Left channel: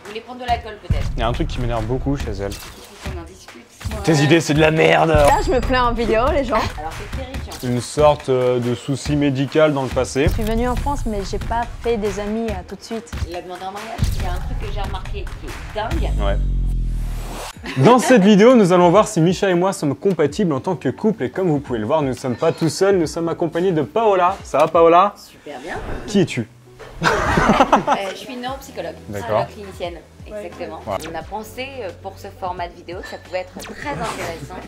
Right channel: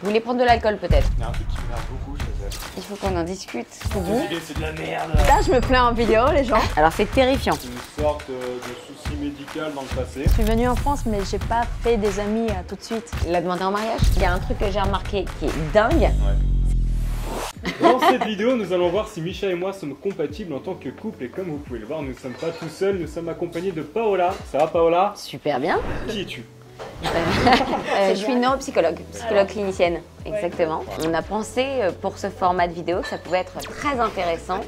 Vous voulez prendre de l'alcool peut-être? Il y a un truc qui m'énerve beaucoup chez elle. Il faut qu'on en discute. Tes idées, c'est de la merde. Là, je me plains en vidéo, les gens. Alors c'est terrifiant. Une sorte de souci médical dans le passé. Je suis venue en France, mais j'ai pas fait des amis tout de suite. La demander en mariage, il y a un truc que j'ai remarqué qui est dingue. Ouais. Dans cette vidéo, nous allons voir si Misha et moi sommes compatibles en tant que couple. Et comme vous pouvez le voir, nous ne sommes pas tout seuls, nous sommes accompagnés de Paola. Ça va, Paola? Super bien. Qui es-tu? Je suis neuropsychologue, D'accord. psychologue clinicienne. Exactement. Ouais. On a pensé pour ce format de vidéo que ça pouvait être très intéressant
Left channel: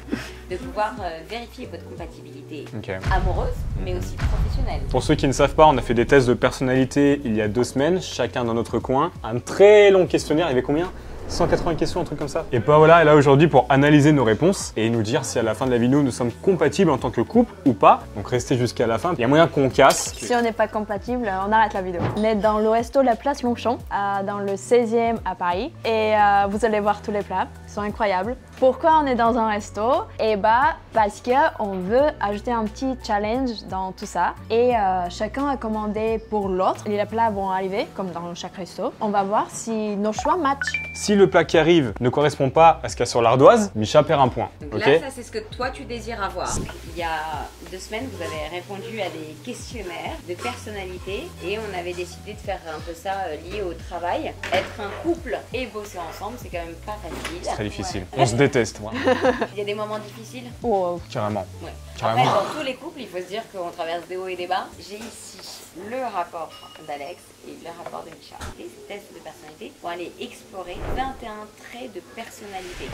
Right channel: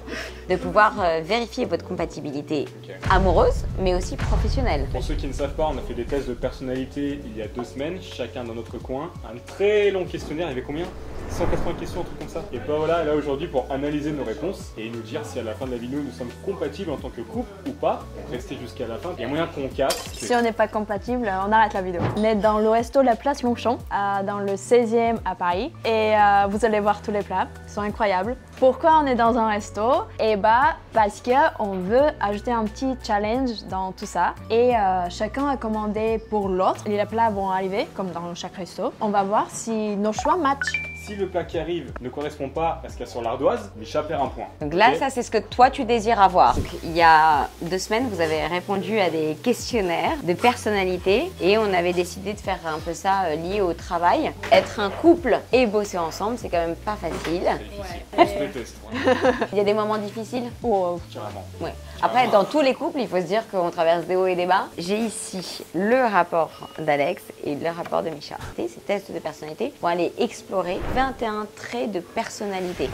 de pouvoir vérifier votre compatibilité Ok. amoureuse, mais aussi professionnelle. Pour ceux qui ne savent pas, on a fait des tests de personnalité il y a 2 semaines, chacun dans notre coin. Un très long questionnaire, il y avait combien? 180 questions, un truc comme ça. Et Paola est là aujourd'hui pour analyser nos réponses et nous dire si à la fin de la vidéo nous sommes compatibles en tant que couple ou pas. Donc restez jusqu'à la fin. Il y a moyen qu'on casse. Si on n'est pas compatible, on arrête la vidéo. On est dans le resto La Place Longchamp, dans le 16e à Paris. Et vous allez voir tous les plats, ils sont incroyables. Pourquoi on est dans un resto? Eh bah, parce qu'on veut ajouter un petit challenge dans tout ça. Et chacun a commandé pour l'autre. Les plats vont arriver, comme dans chaque resto. On va voir si nos choix matchent. Si le plat qui arrive ne correspond pas à ce qu'il y a sur l'ardoise, Misha perd un point. Donc Ok. là, ça c'est ce que toi tu désires avoir. Donc, il y a 2 semaines, vous avez répondu à des questionnaires de personnalité et on avait décidé de faire un peu ça lié au travail. Être un couple et bosser ensemble, c'est quand même pas facile. C'est très difficile. On se déteste, ouais. Il y a des moments difficiles. Oh, Carrément. Ouais. Carrément. Après, dans tous les couples, il faut se dire qu'on traverse des hauts et des bas. J'ai ici le rapport d'Alex et le rapport de Misha. Et ces tests de personnalité vont aller explorer 21 traits de personnalité.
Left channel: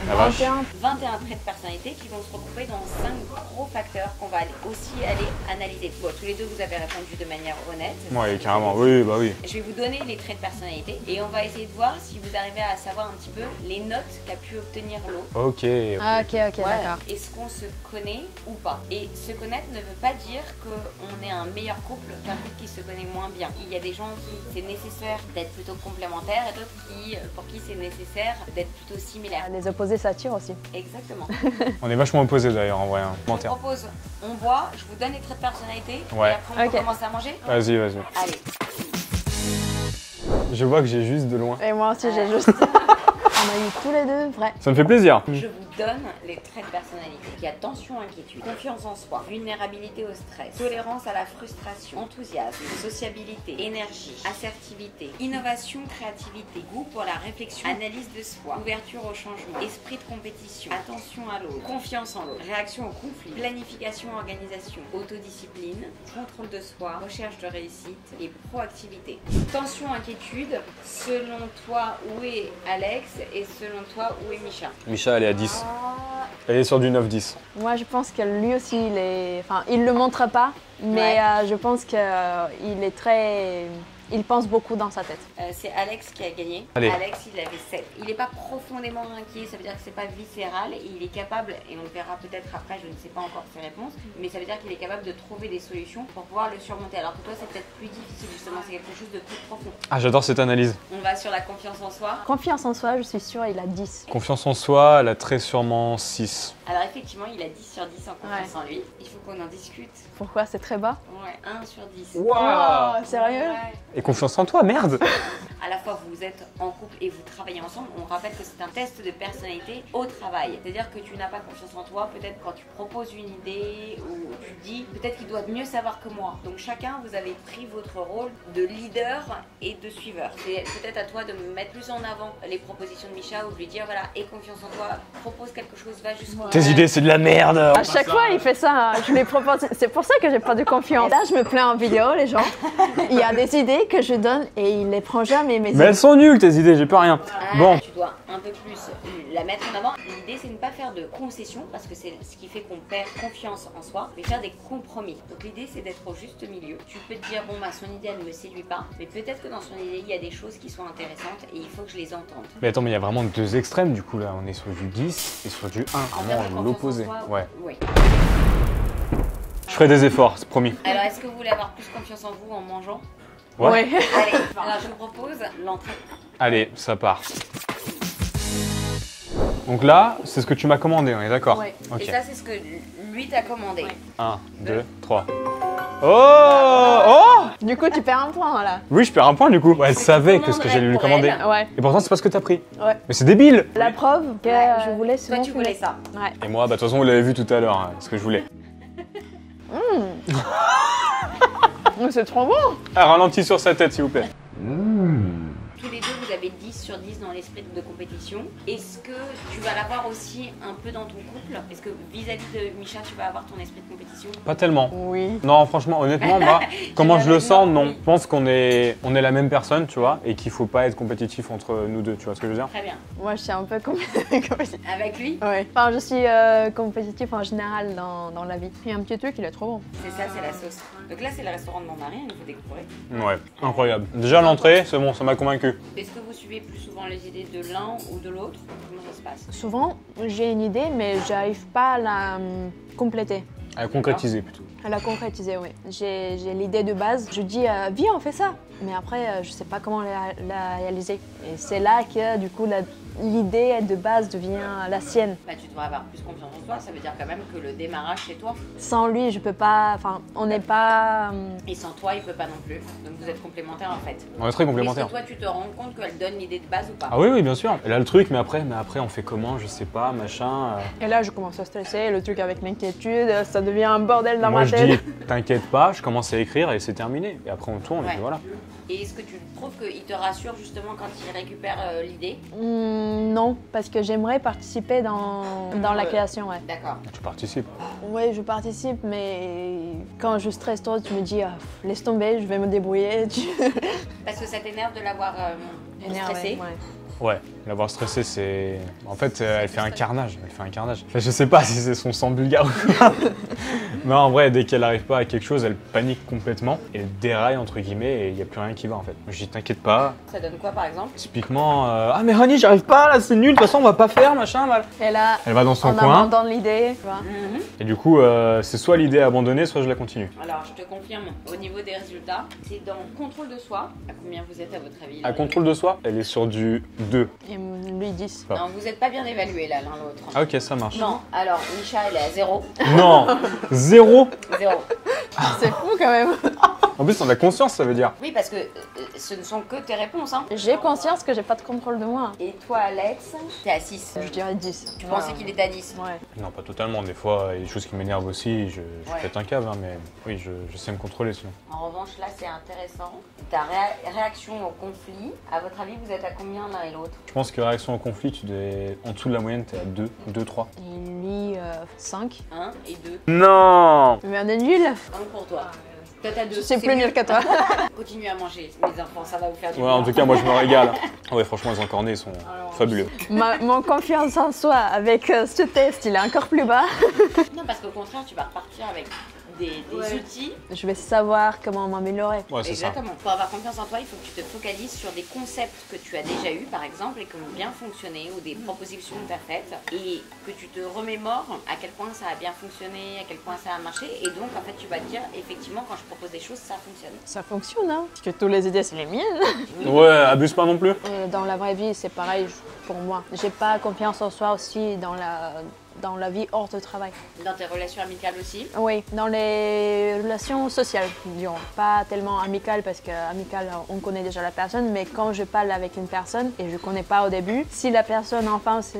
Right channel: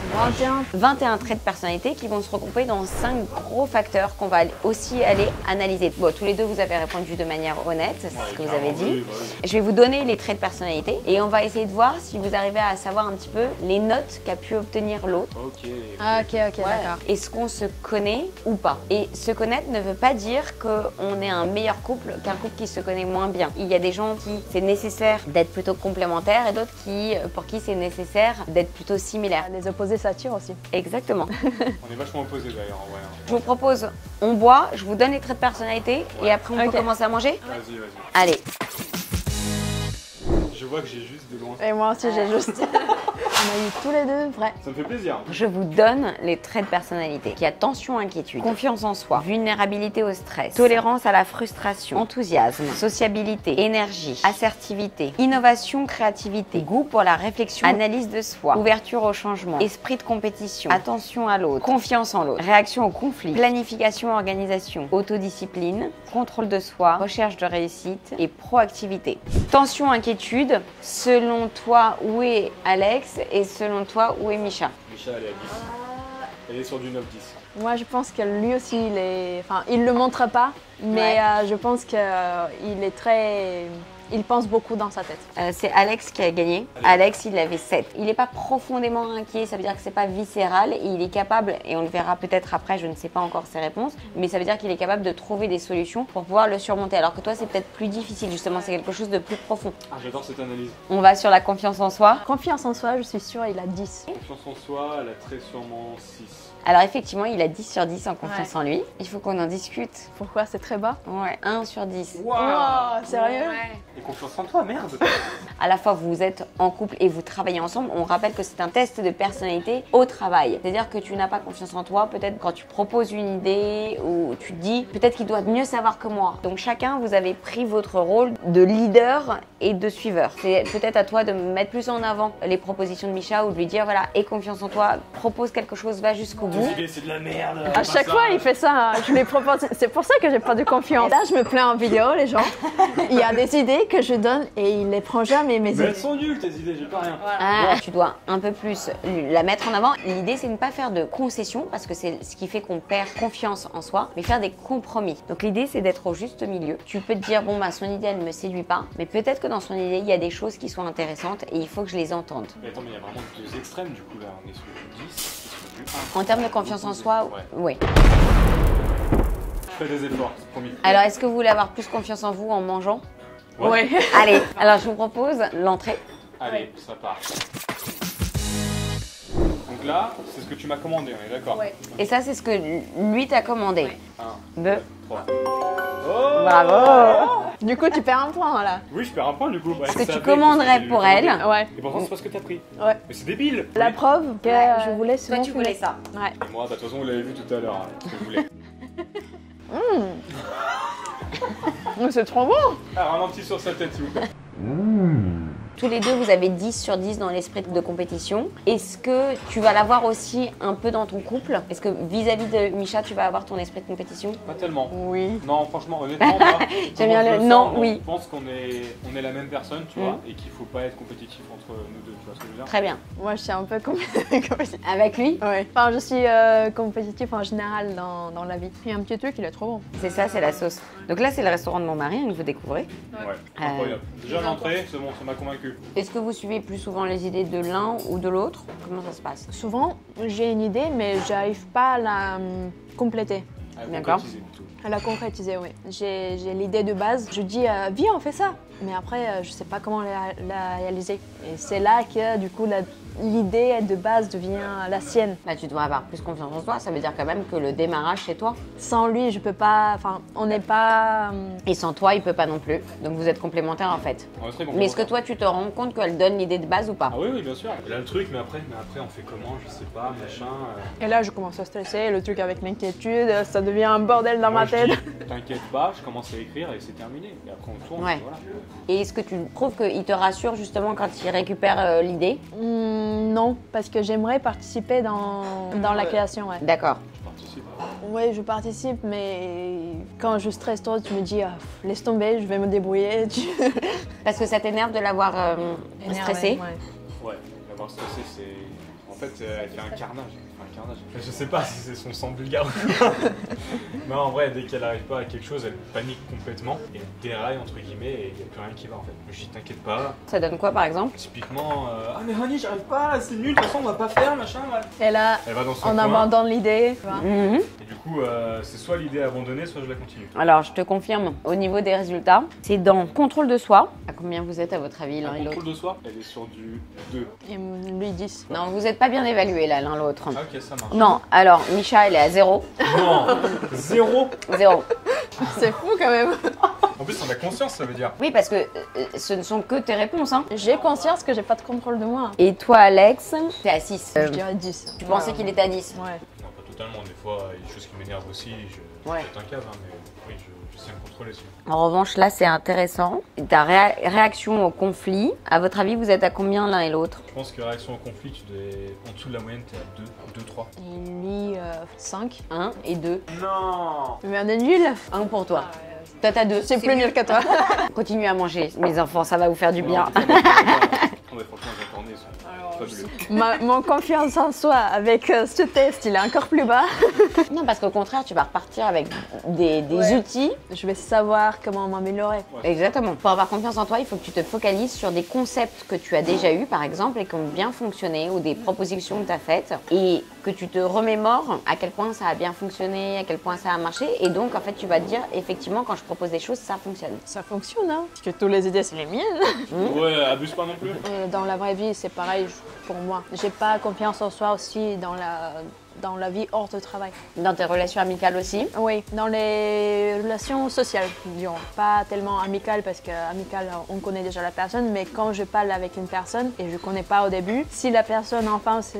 21 traits de personnalité qui vont se regrouper dans 5 gros facteurs qu'on va aussi aller analyser. Bon, tous les deux, vous avez répondu de manière honnête. c'est ce Ouais, que vous carrément. avez dit. Oui, bah oui. Je vais vous donner les traits de personnalité et on va essayer de voir si vous arrivez à savoir un petit peu les notes qu'a pu obtenir l'autre. Ok. ah, ok, Ouais. d'accord. Est-ce qu'on se connaît ou pas? Et se connaître ne veut pas dire qu'on est un meilleur couple qu'un couple qui se connaît moins bien. Il y a des gens qui c'est nécessaire d'être plutôt complémentaires et d'autres pour qui c'est nécessaire d'être plutôt similaires. Les opposés s'attirent aussi. Exactement. On est vachement opposés d'ailleurs en vrai. Hein. Je vous propose, on boit, je vous donne les traits de personnalité Ouais. et après on Ok. peut commencer à manger. Vas-y, vas-y. Allez, Je vois que j'ai juste de loin. Et moi aussi, j'ai juste... On a eu tous les deux vrai. Ça me fait plaisir. je vous donne les traits de personnalité. Il y a tension, inquiétude, confiance en soi, vulnérabilité au stress, tolérance à la frustration, enthousiasme, sociabilité, énergie, assertivité, innovation, créativité, goût pour la réflexion, analyse de soi, ouverture au changement, esprit de compétition, attention à l'autre, confiance en l'autre, réaction au conflit, planification, organisation, autodiscipline, contrôle de soi, recherche de réussite et proactivité. Tension, inquiétude, selon toi, où est Alex et selon toi, où est Misha? Misha, elle est à 10. Elle est sur du 9-10. Moi, je pense que lui aussi, il est... Enfin, il le montre pas, mais Ouais. je pense qu'il est très... Il pense beaucoup dans sa tête. C'est Alex qui a gagné. Allez. Alex, il avait 7. Il n'est pas profondément inquiet, ça veut dire que c'est pas viscéral et il est capable, et on le verra peut-être après, je ne sais pas encore ses réponses, mais ça veut dire qu'il est capable de trouver des solutions pour pouvoir le surmonter. Alors que toi, c'est peut-être plus difficile, justement, c'est quelque chose de plus profond. Ah, j'adore cette analyse. On va sur la confiance en soi. Confiance en soi, je suis sûre, il a 10. Confiance en soi, elle a très sûrement 6. Alors effectivement, il a 10 sur 10 en confiance en lui. Il faut qu'on en discute. Pourquoi? C'est très bas. Ouais, 1 sur 10. Oh, sérieux? Et confiance en toi, merde. À la fois, vous êtes en couple et vous travaillez ensemble. On rappelle que c'est un test de personnalité au travail. C'est-à-dire que tu n'as pas confiance en toi, peut-être quand tu proposes une idée ou tu te dis peut-être qu'il doit mieux savoir que moi. Donc chacun, vous avez pris votre rôle de leader et de suiveur. C'est peut-être à toi de mettre plus en avant les propositions de Misha ou de lui dire voilà, aie confiance en toi, propose quelque chose, va jusqu'au bout. Tes idées, c'est de la merde. À chaque fois, il fait ça. Je lui propose. C'est pour ça que j'ai pas de confiance. Là, je me plains en vidéo, les gens. Il y a des idées que je donne et il les prend jamais, mes Mais idées. elles sont nulles, tes idées, j'ai plus rien. Ah, Bon, tu dois un peu plus la mettre en avant. L'idée, c'est de ne pas faire de concessions parce que c'est ce qui fait qu'on perd confiance en soi, mais faire des compromis. Donc l'idée, c'est d'être au juste milieu. Tu peux te dire, bon, bah, son idée, elle ne me séduit pas, mais peut-être que dans son idée, il y a des choses qui sont intéressantes et il faut que je les entende. mais attends, mais il y a vraiment 2 extrêmes du coup là. On est sur du 10 et sur du 1. En termes de confiance en soi, Ouais. oui. Je ferai des efforts, c'est promis. Alors, est-ce que vous voulez avoir plus confiance en vous en mangeant? Ouais. Allez, alors je vous propose l'entrée. Allez, ça part. Donc là, c'est ce que tu m'as commandé, on est d'accord? Ouais. Ok. Et ça, c'est ce que lui t'a commandé. 1, Deux. 2, 3. Oh. Du coup, tu perds un point là. Oui, je perds un point du coup. Ouais, elle que tu savait que ce que commanderais j'allais lui pour commander. elle. Ouais. Et pourtant, c'est pas ce que t'as pris. Ouais. Mais c'est débile. La preuve que Ouais. je voulais Toi, souvent tu voulais fumer. ça. Ouais. Et moi, bah de toute façon, vous l'avez vu tout à l'heure, hein, ce que je voulais. C'est trop bon. Ah, ralentis sur sa tête, s'il vous plaît. Tous les deux, vous avez 10 sur 10 dans l'esprit de compétition. Est-ce que tu vas l'avoir aussi un peu dans ton couple? Est-ce que vis-à-vis de Misha, tu vas avoir ton esprit de compétition? Pas tellement. Oui. Non, franchement, honnêtement, moi, comment je le Non, sens, non. oui. Je pense qu'on est la même personne, tu vois, et qu'il faut pas être compétitif entre nous deux, tu vois ce que je veux dire? Très bien. Moi, je suis un peu compétitive. Avec lui, Ouais. Enfin, je suis compétitive en général dans la vie. Il y a un petit truc, il est trop bon. c'est ça, c'est la sauce. Donc là, c'est le restaurant de mon mari, que vous découvrez. Ouais, incroyable. Déjà, l'entrée, c'est bon, ça m'a convaincu. Est-ce que vous suivez plus souvent les idées de l'un ou de l'autre? Comment ça se passe? Souvent, j'ai une idée, mais j'arrive pas à la compléter. À concrétiser plutôt. À la concrétiser, oui. J'ai l'idée de base. Je dis, viens, on fait ça. Mais après, je sais pas comment la réaliser. Et c'est là que, du coup, l'idée de base devient la sienne. Bah, tu devrais avoir plus confiance en toi. Ça veut dire quand même que le démarrage, c'est toi. Sans lui, je peux pas. Enfin, on n'est pas. Et sans toi, il peut pas non plus. Donc vous êtes complémentaires en fait. On est très Mais est-ce complémentaires. que toi, tu te rends compte qu'elle donne l'idée de base ou pas? Ah oui, oui, bien sûr. Elle a le truc, mais après, on fait comment? Je sais pas, machin. Et là, je commence à stresser. Le truc avec l'inquiétude, ça devient un bordel dans Moi, ma je tête. dis, t'inquiète pas, je commence à écrire et c'est terminé. Et après, on tourne, et Ouais. puis voilà. Et est-ce que tu trouves qu'il te rassure justement quand il récupère l'idée? Non, parce que j'aimerais participer dans la création, ouais. D'accord. Tu participes. Oui, je participe, mais quand je stresse trop, tu me dis, ah, laisse tomber, je vais me débrouiller. Parce que ça t'énerve de l'avoir Énervé, stressé? ouais. Ouais, l'avoir stressé, c'est. En fait, elle fait un carnage. Elle fait un carnage. Enfin, je sais pas si c'est son sang bulgare ou pas. Mais en vrai, dès qu'elle arrive pas à quelque chose, elle panique complètement. Et elle déraille, entre guillemets, et il n'y a plus rien qui va en fait. Je dis, t'inquiète pas. Ça donne quoi par exemple? Typiquement, ah mais Rani, j'arrive pas là, c'est nul, de toute façon, on va pas faire, machin, mal. Et là, Elle va dans son on coin. abandonne l'idée. Tu vois. Et du coup, c'est soit l'idée abandonnée, soit je la continue. Alors, je te confirme, au niveau des résultats, c'est dans contrôle de soi. À combien vous êtes à votre avis l'un À et contrôle de soi, elle est sur du 2. Et lui 10. l'autre? Non, vous n'êtes pas bien évalués là, l'un l'autre. Ah ok, ça marche. Non, alors, Misha, elle est à 0. Non, 0. 0. C'est fou quand même. En plus, on a conscience, ça veut dire. Oui, parce que ce ne sont que tes réponses. Hein. J'ai conscience que j'ai pas de contrôle de moi. Et toi, Alex, t'es à 6. Je dirais 10. Tu pensais qu'il était à 10? Ouais. Non, pas totalement. Des fois, il y a des choses qui m'énervent aussi. Je Ouais. pète un câble, hein, mais oui, je sais me contrôler sinon. En revanche, là, c'est intéressant. Ta réaction au conflit, à votre avis, vous êtes à combien l'un et l'autre? Je pense que réaction au conflit, tu es en dessous de la moyenne, t'es à 2, 3. Et lui, 5. 1 et 2. Non. Mais on est nul. 1 pour toi. Toi, t'as 2. C'est plus nul que toi. Continuez à manger, mes enfants, ça va vous faire du Ouais, bien. en tout cas, moi, je me régale. Ouais, franchement, les encornés sont fabuleux. Mon confiance en soi avec ce test, il est encore plus bas. Non, parce qu'au contraire, tu vas repartir avec des outils. Je vais savoir comment m'améliorer. Ouais, c'est Exactement. Pour avoir confiance en toi, il faut que tu te focalises sur des concepts que tu as déjà eus, par exemple, et qui ont bien fonctionné, ou des propositions que tu as faites, et que tu te remémores à quel point ça a bien fonctionné, à quel point ça a marché. Et donc, en fait, tu vas te dire, effectivement, quand je propose des choses, ça fonctionne. Ça fonctionne, hein. Parce que toutes les idées, c'est les miennes. ça. Ouais, abuse pas non plus. Dans la vraie vie, c'est pareil pour moi. J'ai pas confiance en soi aussi dans la vie hors de travail. Dans tes relations amicales aussi. Oui, dans les relations sociales, disons. Pas tellement amicales parce qu'amicales, on connaît déjà la personne, mais quand je parle avec une personne et je connais pas au début, si la personne en face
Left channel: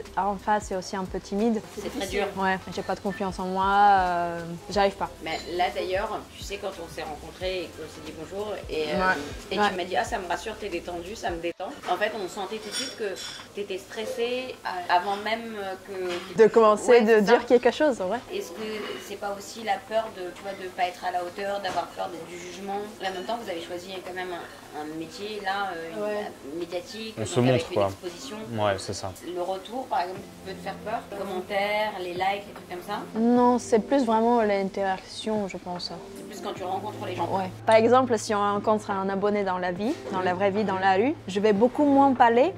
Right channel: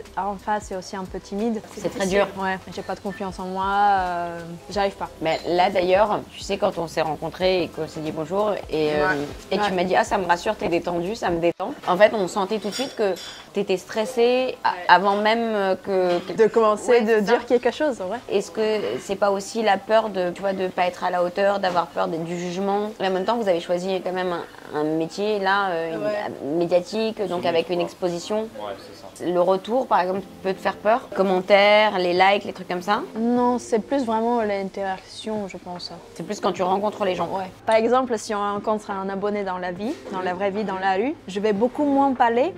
est aussi un peu timide, C'est très dur. ouais, j'ai pas de confiance en moi, j'arrive pas. Mais là d'ailleurs, tu sais, quand on s'est rencontrés et qu'on s'est dit bonjour, et Ouais. tu m'as dit, ah, ça me rassure, t'es détendu, ça me détend. En fait, on sentait tout de suite que t'étais stressée avant même que. De commencer Ouais, de c'est ça. dire quelque chose, ouais. Est-ce que c'est pas aussi la peur de, tu vois, de pas être à la hauteur, d'avoir peur du jugement? Et en même temps, vous avez choisi quand même un métier là médiatique, On se donc avec montre, une quoi. exposition. Ouais, c'est ça. Le retour, par exemple, peut te faire peur? Commentaires, les likes, les trucs comme ça? Non, c'est plus vraiment l'interaction, je pense. C'est plus quand tu rencontres les gens. Ouais. Par exemple, si on rencontre un abonné dans la vie, dans la vraie vie, dans la rue, je vais beaucoup moins parler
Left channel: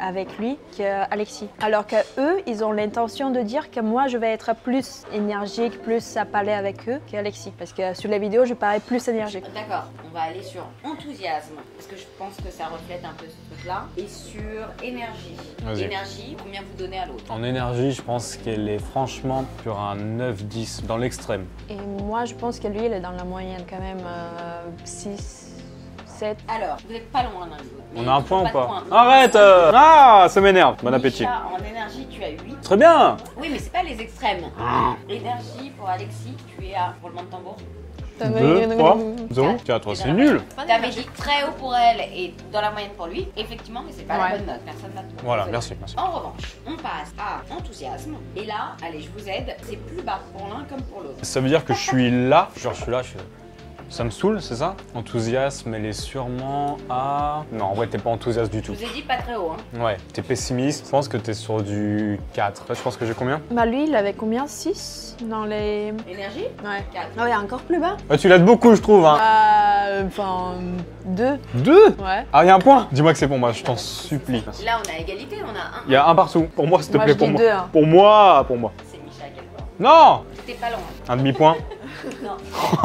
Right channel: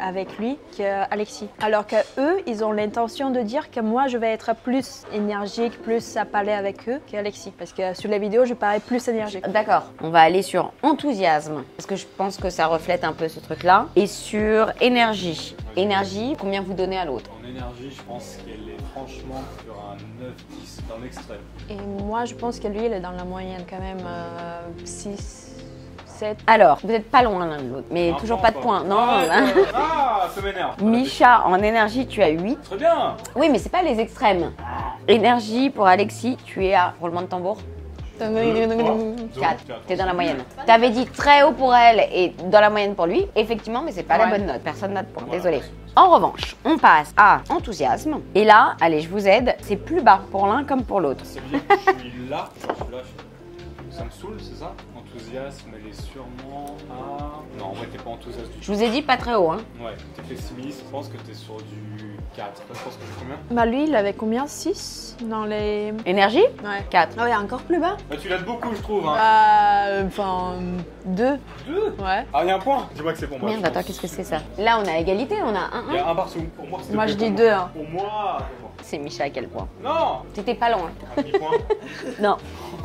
avec lui qu'Alexis. Alors que eux, ils ont l'intention de dire que moi, je vais être plus énergique, plus à parler avec eux qu'Alexis. Parce que sur les vidéos, je parais plus énergique. D'accord. On va aller sur enthousiasme. enthousiasme, parce que je pense que ça reflète un peu ce truc-là. Et sur énergie. Vas-y. Énergie, combien vous donnez à l'autre? En énergie, je pense qu'elle est franchement sur un 9-10 dans l'extrême. Et moi, je pense que lui, il est dans la moyenne quand même, 6, 7. Alors, vous n'êtes pas loin l'un de l'autre, mais On a un toujours point pas ou de points. Non, Arrête non. Ah, ça m'énerve. Bon appétit. Micha, en énergie, tu as 8. Très bien. Oui, mais c'est pas les extrêmes. Énergie, pour Alexis, tu es à roulement de tambour. 2, 3, 0, Quatre. 4, T'es dans c'est la nul. moyenne. T'avais dit très haut pour elle et dans la moyenne pour lui. Effectivement, mais c'est pas la Ouais. bonne note. Personne note pour. Voilà, Désolée. merci, merci. En revanche, on passe à enthousiasme. Et là, allez, je vous aide. C'est plus bas pour l'un comme pour l'autre. Ça veut dire que je suis là, genre je suis là, je suis... Ça me saoule, c'est ça? Enthousiasme, elle est sûrement à... Non, en vrai, t'es pas enthousiaste du Je tout. vous ai dit pas très haut, hein. Ouais, t'es pessimiste. Je pense que t'es sur du 4. Là, je pense que j'ai combien? Bah lui, il avait combien? 6 dans les... Énergie, Ouais. 4. Ah ouais, encore plus bas. Bah, tu l'aides beaucoup, je trouve. Hein. Enfin, 2. 2? Ouais. Ah, il y a un point. Dis-moi que c'est pour moi, je Merde, t'en attends, qu'est-ce que c'est supplie. ça? Là, on a égalité, on a un. Il y a un partout. Pour moi, s'il te Moi, plaît, je pour dis moi. 2. Hein. Pour moi, pour moi. C'est Micha à quel point? Non! T'étais pas loin. Un demi-point. Non.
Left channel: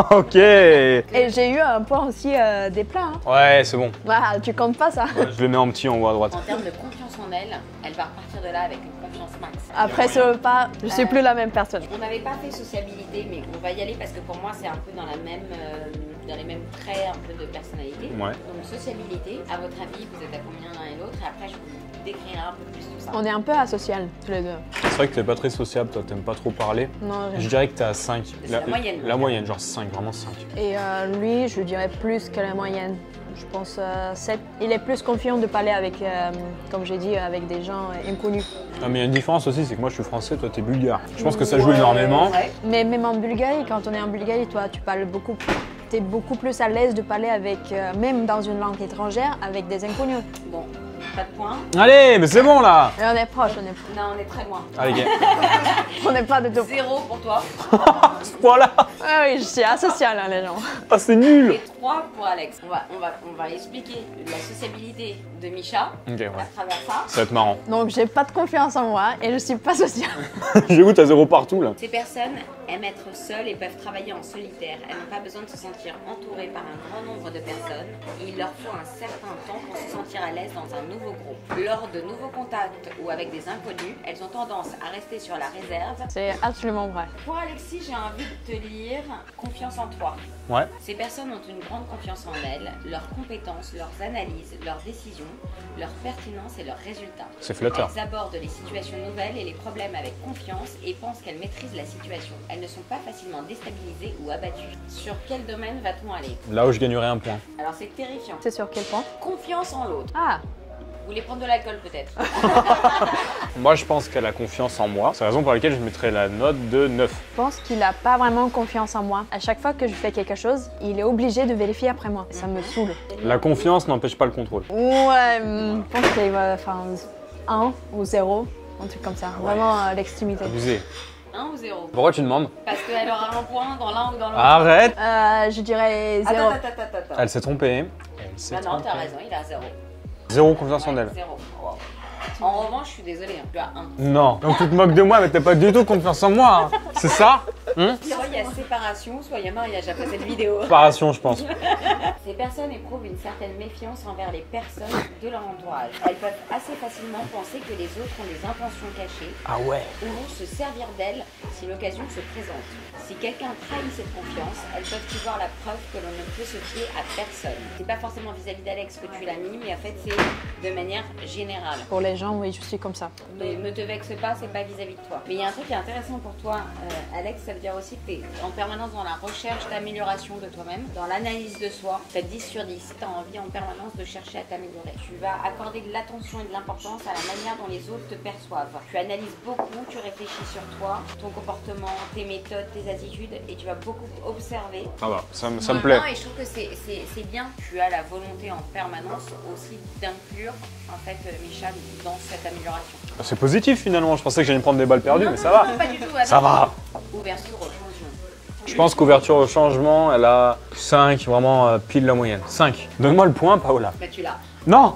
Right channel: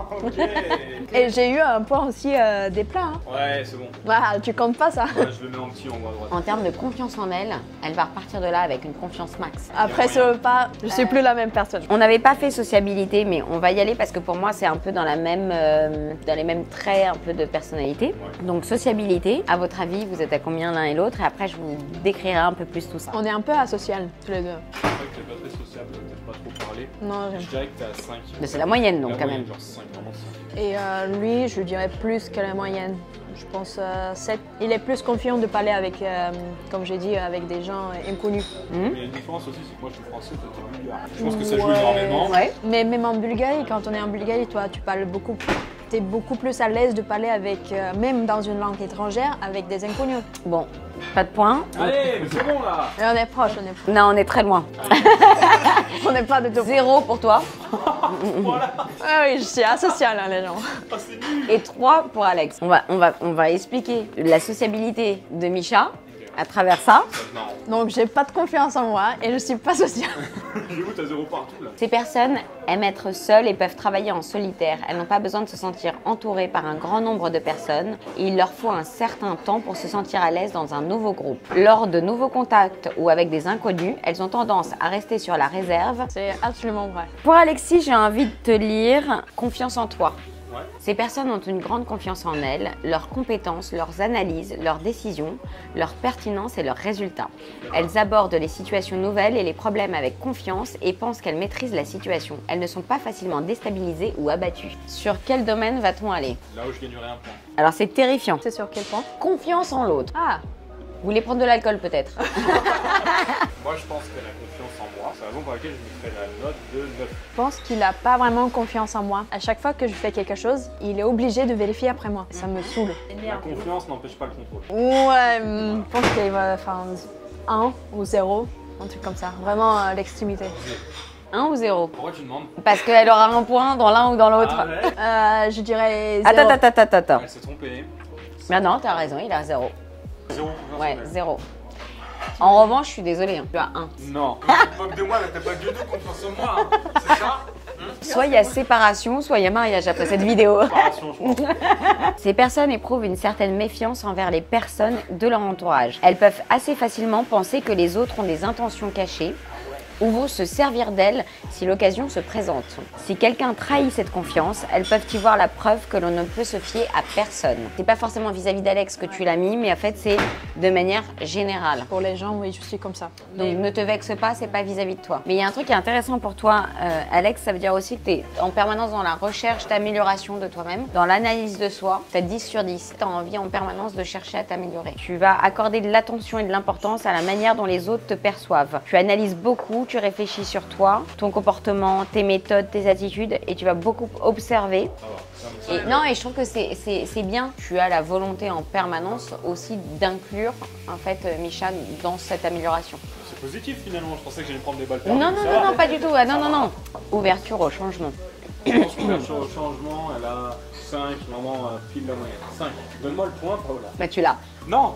Ok. Et j'ai eu un point aussi des plats. Hein. Ouais, c'est bon. Ah, tu comptes pas ça. Ouais, je le mets en petit en haut à droite. En termes de confiance en elle, elle va repartir de là avec une confiance max. Après ce repas, je suis plus la même personne. On n'avait pas fait sociabilité, mais on va y aller parce que pour moi, c'est un peu dans la même, dans les mêmes traits un peu de personnalité. Ouais. Donc sociabilité, à votre avis, vous êtes à combien l'un et l'autre? Et après, je vous décrirai un peu plus tout ça. On est un peu asocial, tous les deux. C'est vrai que t'es pas très sociable, toi, t'aimes pas trop parler. Non, Je dirais que t'es à 5. Mais c'est la moyenne, donc, La quand moyenne, même. genre 5, vraiment 5. Et lui, je dirais plus que la moyenne. Je pense 7. Il est plus confiant de parler avec, comme j'ai dit, avec des gens inconnus. Non, mais il y a une différence aussi, c'est que moi je suis français, toi t'es bulgare. Je pense que ça joue énormément. Ouais. Mais même en Bulgarie, quand on est en Bulgarie, toi, tu parles beaucoup. T'es beaucoup plus à l'aise de parler avec, même dans une langue étrangère, avec des inconnus. Bon, pas de points. Allez, mais c'est bon là. Et on est proche, on est proche. Non, on est très loin. Allez, On n'est pas de tout. 0 pour toi voilà. Ah oui, je suis asociale, hein, les gens. Ah, c'est nul. et 3 pour Alex. On va expliquer la sociabilité de Micha Ok, ouais. à travers ça. Ça va être marrant. Donc, j'ai pas de confiance en moi et je suis pas sociale. J'avoue, t'as 0 partout là. Ces personnes aiment être seules et peuvent travailler en solitaire. Elles n'ont pas besoin de se sentir entourées par un grand nombre de personnes. Et il leur faut un certain temps pour se sentir à l'aise dans un nouveau groupe. Lors de nouveaux contacts ou avec des inconnus, elles ont tendance à rester sur la réserve. C'est absolument vrai. Pour Alexis, j'ai envie de te lire Confiance en toi. Ouais. Ces personnes ont une grande confiance en elles, leurs compétences, leurs analyses, leurs décisions, leur pertinence et leurs résultats. C'est flatteur. Elles abordent les situations nouvelles et les problèmes avec confiance et pensent qu'elles maîtrisent la situation. Elles ne sont pas facilement déstabilisées ou abattues. Sur quel domaine va-t-on aller? Là où je gagnerais un point. Alors c'est terrifiant. C'est sur quel point? Confiance en l'autre. Ah, Vous voulez prendre de l'alcool peut-être? Moi, je pense qu'elle a confiance en moi. C'est la raison pour laquelle je mettrais la note de 9. je pense qu'il a pas vraiment confiance en moi. À chaque fois que je fais quelque chose, il est obligé de vérifier après moi. Ça me saoule. La confiance n'empêche pas le contrôle. Ouais, je pense qu'il va faire 1 ou 0, un truc comme ça. Vraiment l'extrémité. Abusé. 1 ou 0? Pourquoi tu demandes? Parce qu'elle aura un point dans l'un ou dans l'autre. Arrête. Je dirais 0. Attends. Elle s'est trompée. Mais non, t'as raison, il a 0. 0 confiance en Ouais, elle. 0. En revanche, je suis désolée, hein, tu as 1. Non. Donc tu te moques de moi, mais t'as pas du tout confiance en moi. Hein. C'est ça? Soit il y a séparation, soit il y a mariage après cette vidéo. Séparation, je pense. Ces personnes éprouvent une certaine méfiance envers les personnes de leur entourage. Elles peuvent assez facilement penser que les autres ont des intentions cachées Ah ouais. ou vont se servir d'elles si l'occasion se présente. Si quelqu'un trahit cette confiance, elles peuvent y voir la preuve que l'on ne peut se fier à personne. C'est pas forcément vis-à-vis d'Alex que tu l'as mis, mais en fait c'est de manière générale. Pour les gens, oui, je suis comme ça. Donc ne te vexe pas, c'est pas vis-à-vis de toi. Mais il y a un truc qui est intéressant pour toi, Alex, ça veut dire aussi que tu es en permanence dans la recherche d'amélioration de toi-même, dans l'analyse de soi. Tu as 10 sur 10, tu as envie en permanence de chercher à t'améliorer. Tu vas accorder de l'attention et de l'importance à la manière dont les autres te perçoivent. Tu analyses beaucoup, tu réfléchis sur toi, ton comportement, tes méthodes, tes attitudes, et tu vas beaucoup observer. Ah bah, ça me plaît. Non, et je trouve que c'est bien. Tu as la volonté en permanence aussi d'inclure en fait Micha dans cette amélioration. C'est positif finalement. Je pensais que j'allais me prendre des balles perdues, non, mais non, ça non, va. non, pas du tout. Ah, Ça non, va. non. Ouverture au changement. Je pense qu'ouverture au changement, elle a 5, vraiment pile la moyenne. 5. Donne-moi le point, Paola. Bah tu l'as. Non.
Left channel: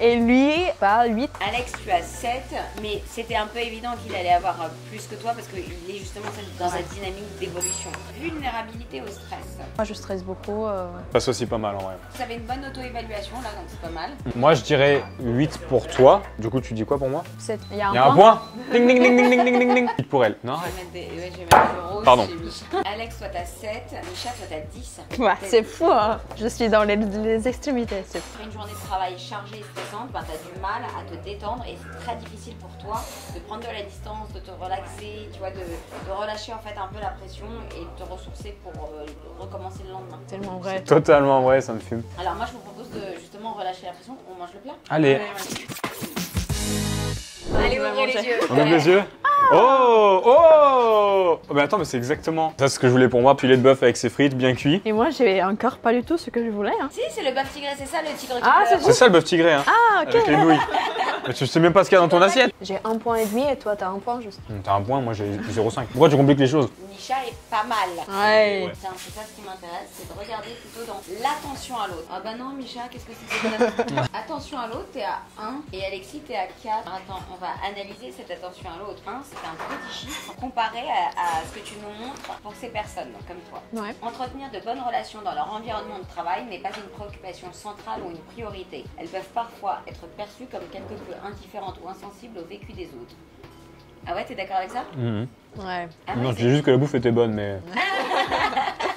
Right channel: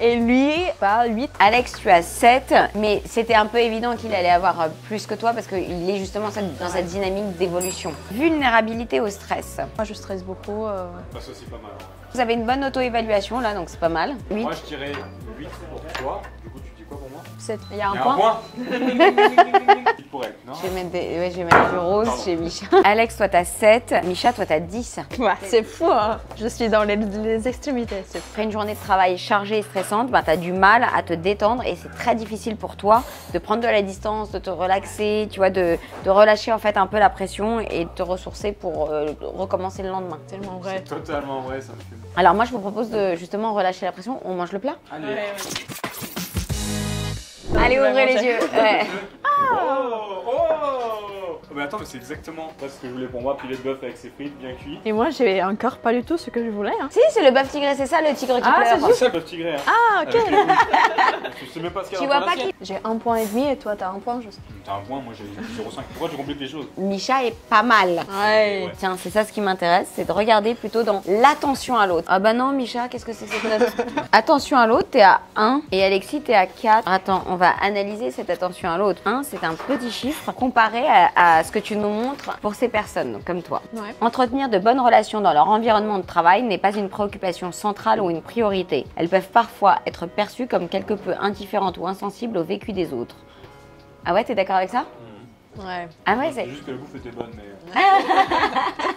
Et lui, pas 8. Alex, tu as 7, mais c'était un peu évident qu'il allait avoir plus que toi parce qu'il est justement dans cette dynamique d'évolution. Vulnérabilité au stress. Moi, je stresse beaucoup. Passe aussi pas mal en vrai. Vous avez une bonne auto-évaluation là, donc c'est pas mal. Moi, je dirais 8 pour toi. Du coup, tu dis quoi pour moi? Il y a un Il y a point. un point. Ding, ding, ding, ding, ding, ding, ding. 8 pour elle. Non. Je vais mettre du rose Pardon. chez Micha. Alex, toi t'as 7, Micha, toi t'as 10. Ouais, c'est fou, hein. Je suis dans les extrémités. Après une journée de travail chargée et stressante, ben, tu as du mal à te détendre et c'est très difficile pour toi de prendre de la distance, de te relaxer, tu vois, de relâcher en fait un peu la pression et de te ressourcer pour recommencer le lendemain. Tellement vrai. Totalement vrai, ça me fume. Alors moi je vous propose de justement relâcher la pression, on mange le plat. Allez. Allez, je vais ouvrez les manger. yeux. On met Ouais. les yeux. Oh, oh. Mais attends, mais c'est exactement ça ce que je voulais pour moi. Filet de bœuf avec ses frites bien cuit. Et moi, j'ai encore pas du tout ce que je voulais. Hein. Si, c'est le bœuf tigré, c'est ça le tigre qui Ah, pleure. c'est C'est ça le bœuf tigré, hein. Ah, ok. Avec les nouilles. Mais tu sais même pas ce qu'il y a Tu dans ton vois pas assiette. J'ai 1,5 point et toi, t'as 1 point juste. T'as un point, moi j'ai 0,5. Pourquoi tu compliques les choses? Micha est pas mal. Ouais. Tiens, c'est ça ce qui m'intéresse, c'est de regarder plutôt dans l'attention à l'autre. Ah bah non, Micha, qu'est-ce que c'est que cette attention à l'autre, t'es à 1 et Alexis, t'es à 4. Attends, on va analyser cette attention à l'autre. 1, c'est un petit chiffre comparé à ce que tu nous montres pour ces personnes comme toi. Ouais. Entretenir de bonnes relations dans leur environnement de travail n'est pas une préoccupation centrale ou une priorité. Elles peuvent parfois être perçues comme quelque peu indifférentes ou insensibles au vécu des autres. Ah ouais, t'es d'accord avec ça? Ouais. Ah ouais, Non, c'est juste que la bouffe était bonne, mais.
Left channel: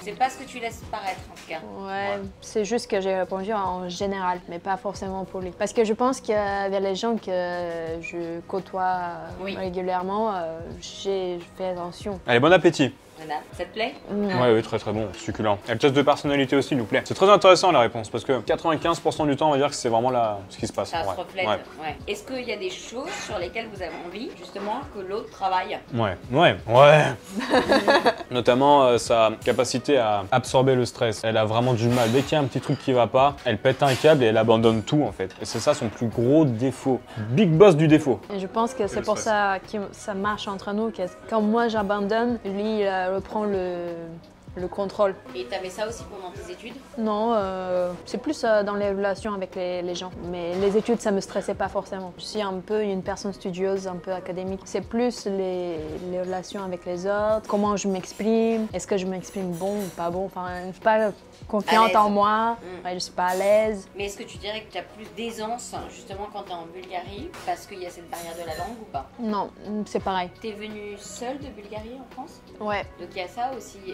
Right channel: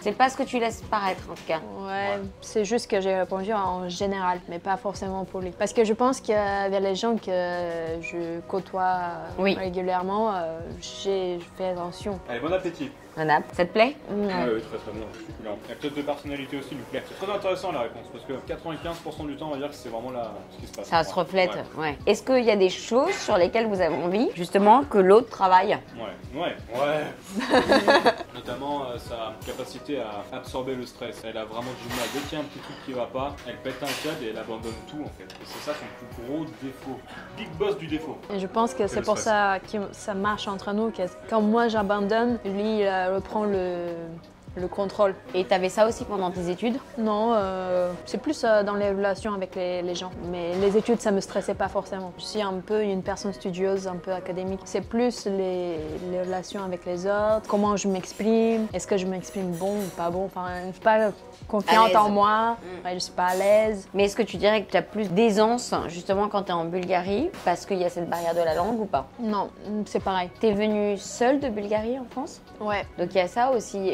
c'est pas ce que tu laisses paraître en tout cas. Ouais, c'est juste que j'ai répondu en général, mais pas forcément poli. Parce que je pense qu'avec les gens que je côtoie Oui. régulièrement, je fais attention. Allez, bon appétit. Voilà, ça te plaît? Ouais, oui, très très bon, succulent. Et le test de personnalité aussi nous plaît. C'est très intéressant la réponse parce que 95% du temps, on va dire que c'est vraiment là ce qui se passe. Ça se Ouais. reflète. Ouais. Ouais. Est-ce qu'il y a des choses sur lesquelles vous avez envie, justement, que l'autre travaille? Ouais. Notamment sa capacité à absorber le stress. Elle a vraiment du mal. Dès qu'il y a un petit truc qui va pas, elle pète un câble et elle abandonne tout en fait. Et c'est ça son plus gros défaut. Big boss du défaut. Et je pense que c'est le pour stress. ça que ça marche entre nous, que quand moi j'abandonne, lui il reprend le contrôle. Et t'avais ça aussi pendant tes études? Non, c'est plus dans les relations avec les gens. Mais les études, ça me stressait pas forcément. Je suis un peu une personne studieuse, un peu académique. C'est plus les relations avec les autres, comment je m'exprime, est-ce que je m'exprime bon ou pas bon. Enfin, je suis pas À confiante l'aise. en moi, ouais, je suis pas à l'aise. Mais est-ce que tu dirais que tu as plus d'aisance, justement, quand tu es en Bulgarie, parce qu'il y a cette barrière de la langue ou pas? Non, c'est pareil. T'es venue seule de Bulgarie en France? Ouais. Donc il y a ça aussi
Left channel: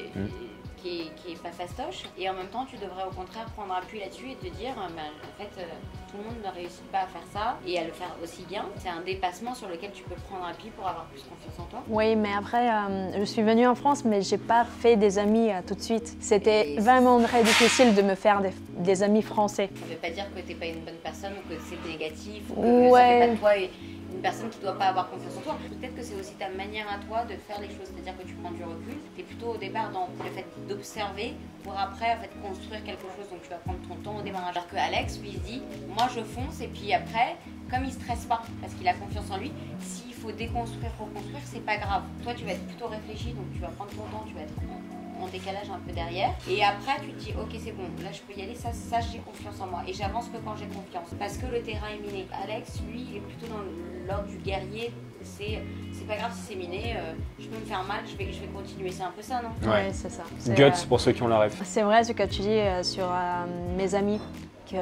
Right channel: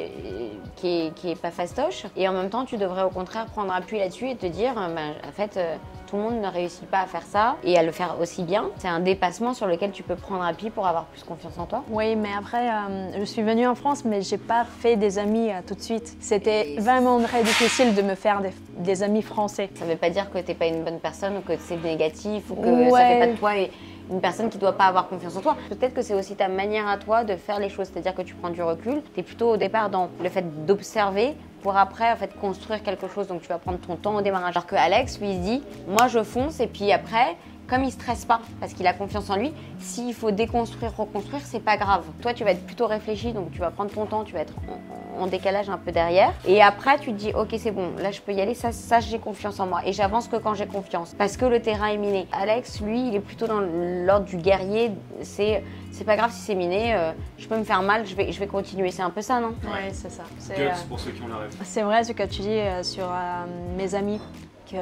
qui est pas fastoche. Et en même temps, tu devrais au contraire prendre appui là-dessus et te dire, en fait, tout le monde ne réussit pas à faire ça et à le faire aussi bien. C'est un dépassement sur lequel tu peux prendre appui pour avoir plus confiance en toi. Oui, mais après, je suis venue en France, mais j'ai pas fait des amis tout de suite. C'était vraiment très difficile de me faire des amis français. Ça veut pas dire que t'es pas une bonne personne ou que c'est négatif ou que ça Ouais. fait pas de toi une personne qui doit pas avoir confiance en toi. Peut-être que c'est aussi ta manière à toi de faire les choses, c'est-à-dire que tu prends du recul. Tu es plutôt au départ dans le fait d'observer pour après en fait construire quelque chose. Donc tu vas prendre ton temps au démarrage. Alors que Alex lui il se dit moi je fonce et puis après comme il stresse pas parce qu'il a confiance en lui, s'il faut déconstruire, reconstruire, c'est pas grave. Toi tu vas être plutôt réfléchi donc tu vas prendre ton temps, tu vas être en décalage un peu derrière. Et après, tu te dis, ok, c'est bon, là, je peux y aller, ça j'ai confiance en moi. Et j'avance que quand j'ai confiance, parce que le terrain est miné. Alex, lui, il est plutôt dans l'ordre du guerrier. C'est pas grave si c'est miné, je peux me faire mal, je vais continuer. C'est un peu ça, non? Ouais, c'est ça. C'est, Guts pour ceux qui ont la rêve. c'est vrai ce que tu dis sur mes amis, que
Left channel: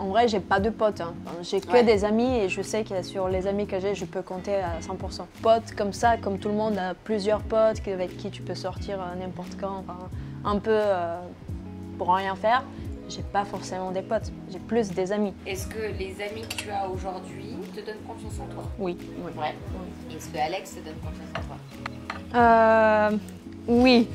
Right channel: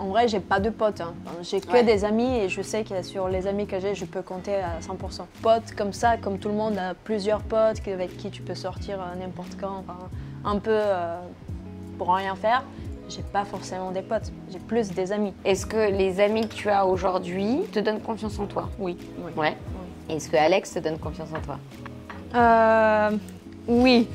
en vrai, j'ai pas de potes. Hein. J'ai que Ouais. des amis et je sais que sur les amis que j'ai, je peux compter à 100%. Potes comme ça, comme tout le monde a plusieurs potes avec qui tu peux sortir n'importe quand, enfin, un peu pour rien faire. J'ai pas forcément des potes, j'ai plus des amis. Est-ce que les amis que tu as aujourd'hui te donnent confiance en toi? Oui. Ouais. Est-ce que Alex te donne confiance en toi? Oui.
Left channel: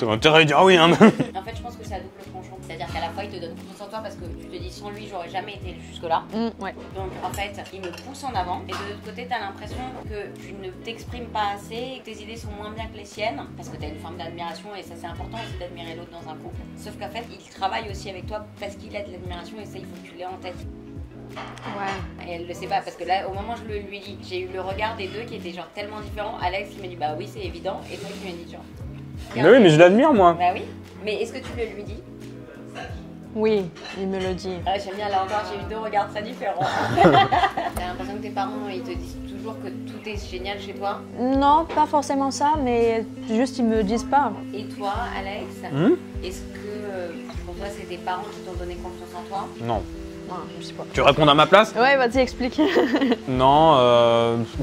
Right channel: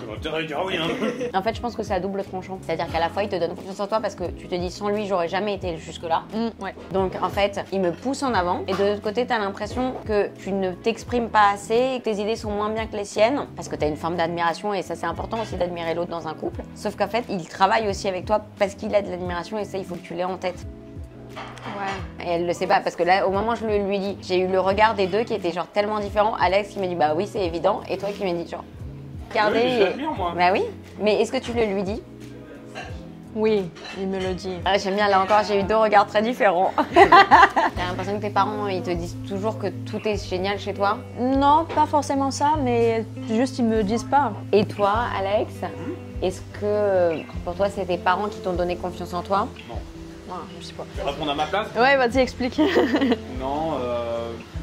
T'as intérêt à dire oui, hein. En fait, je pense que c'est à double tranchant. C'est-à-dire qu'à la fois, il te donne confiance en toi parce que tu te dis sans lui, j'aurais jamais été jusque-là. Ouais. Donc en fait, il me pousse en avant et de l'autre côté, tu as l'impression que tu ne t'exprimes pas assez et que tes idées sont moins bien que les siennes parce que tu as une forme d'admiration et ça c'est important aussi d'admirer l'autre dans un couple. Sauf qu'en fait, il travaille aussi avec toi parce qu'il a de l'admiration et ça, il faut que tu l'aies en tête. Ouais. Et elle le sait pas parce que là, au moment où je le lui dis, j'ai eu le regard des deux qui était genre tellement différent. Alex qui m'a dit bah oui, c'est évident et toi qui m'as dit genre. Mais oui, mais je l'admire moi. Bah oui, mais est-ce que tu le lui dis? Oui, il me le dit. Ah, j'aime bien, là encore, j'ai eu 2 regards très différents. T'as l'impression que tes parents, ils te disent toujours que tout est génial chez toi? Non, pas forcément ça, mais juste ils me disent pas. Et toi, Alex, est-ce que pour toi, c'est tes parents qui t'ont donné confiance en toi? Non. Non, je sais pas. Tu veux répondre à ma place? Ouais, vas-y, explique. Non,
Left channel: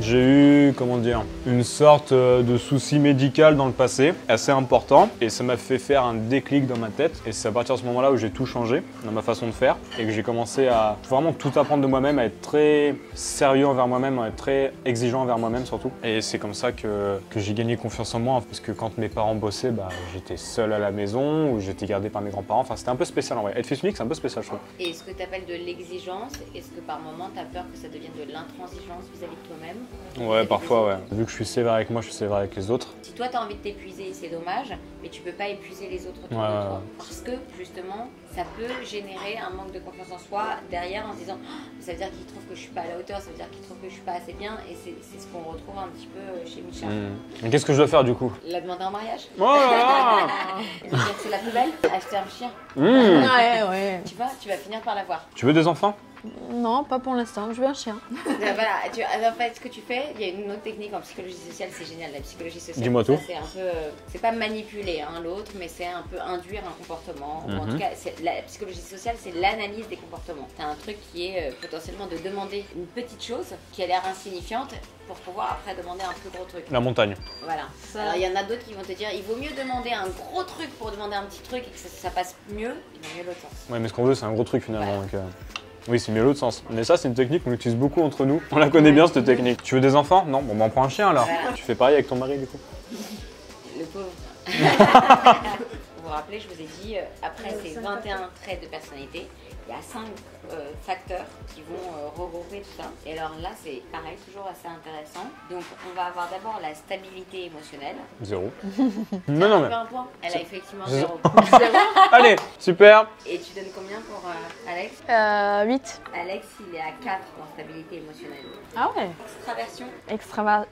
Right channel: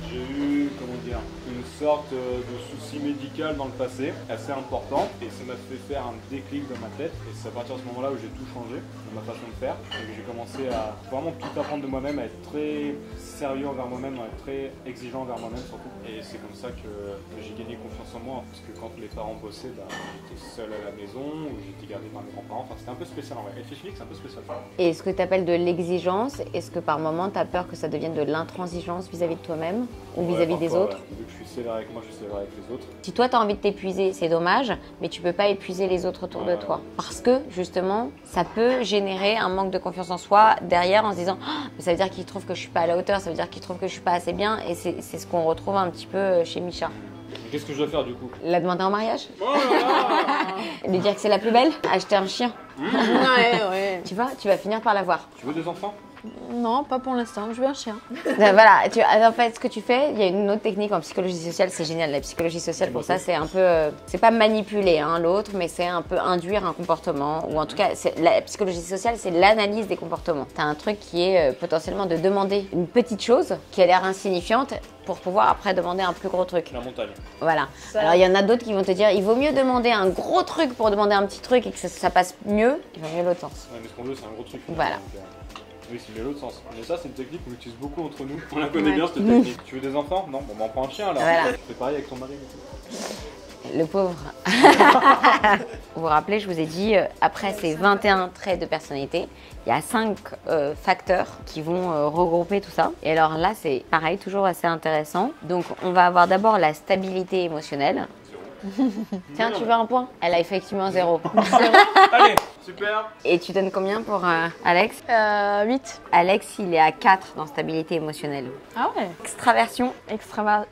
j'ai eu, comment dire, une sorte de souci médical dans le passé, assez important, et ça m'a fait faire un déclic dans ma tête, et c'est à partir de ce moment-là où j'ai tout changé dans ma façon de faire, et que j'ai commencé à vraiment tout apprendre de moi-même, à être très sérieux envers moi-même, à être très exigeant envers moi-même surtout. Et c'est comme ça que j'ai gagné confiance en moi, parce que quand mes parents bossaient, bah, j'étais seul à la maison, ou j'étais gardé par mes grands-parents, enfin c'était un peu spécial en vrai. Être fils unique, c'est un peu spécial je trouve. Et est-ce que tu appelles de l'exigence? Est-ce que par moment, tu as peur que ça devienne de l'intransigeance vis-à-vis de toi-même ou Ouais, vis-à-vis des parfois, autres? ouais. Vu que je suis sévère avec moi, je suis sévère avec les autres. Si toi, tu as envie de t'épuiser, c'est dommage, mais tu peux pas épuiser les autres autour de toi. Parce que, justement, ça peut générer un manque de confiance en soi derrière en se disant oh, ça veut dire qu'il trouve que je suis pas à la hauteur, ça veut dire qu'il trouve que je suis pas assez bien. Et c'est ce qu'on retrouve un petit peu chez Micha. Mais qu'est-ce que je dois faire du coup? La demander en mariage? Oh là là. Lui dire que c'est la plus belle? Acheter un chien? Ouais. Tu vois, tu vas finir par l'avoir. Tu veux des enfants? Non, pas pour l'instant, je veux un chien. Voilà, en fait, ce que tu fais, il y a une autre technique en psychologie sociale, c'est génial. La psychologie sociale, pour ça, c'est un peu, c'est pas manipuler l'autre, mais c'est un peu induire un comportement. Ou en tout cas, la psychologie sociale, c'est l'analyse des comportements. Tu as un truc qui est potentiellement de demander une petite chose qui a l'air insignifiante pour pouvoir après demander un plus gros truc. La montagne. Voilà. Alors, il y en a d'autres qui vont te dire, il vaut mieux demander un gros truc pour demander un petit truc et que ça passe mieux. Il va mieux l'autre sens. Ouais, mais ce qu'on veut, c'est un gros truc finalement. Voilà. Donc, oui, c'est mieux l'autre sens. Mais ça, c'est une technique qu'on utilise beaucoup entre nous. On la connaît bien, cette technique. Tu veux des enfants? Non? Bon, on prend un chien alors. Voilà. Tu fais pareil avec ton mari du coup? Le pauvre. Vous vous rappelez, je vous ai dit, après ces 21 traits de personnalité, il y a 5 facteurs qui vont regrouper tout ça. Et alors là, c'est pareil, toujours assez intéressant. Donc, on va avoir d'abord la stabilité émotionnelle. 0. Tiens, tu veux un point? Elle a effectivement 0. Allez, super. Et tu donnes combien pour Alex? 8. Alex, il est à 4 dans stabilité émotionnelle. Ah ouais. Extraversion. Extraver...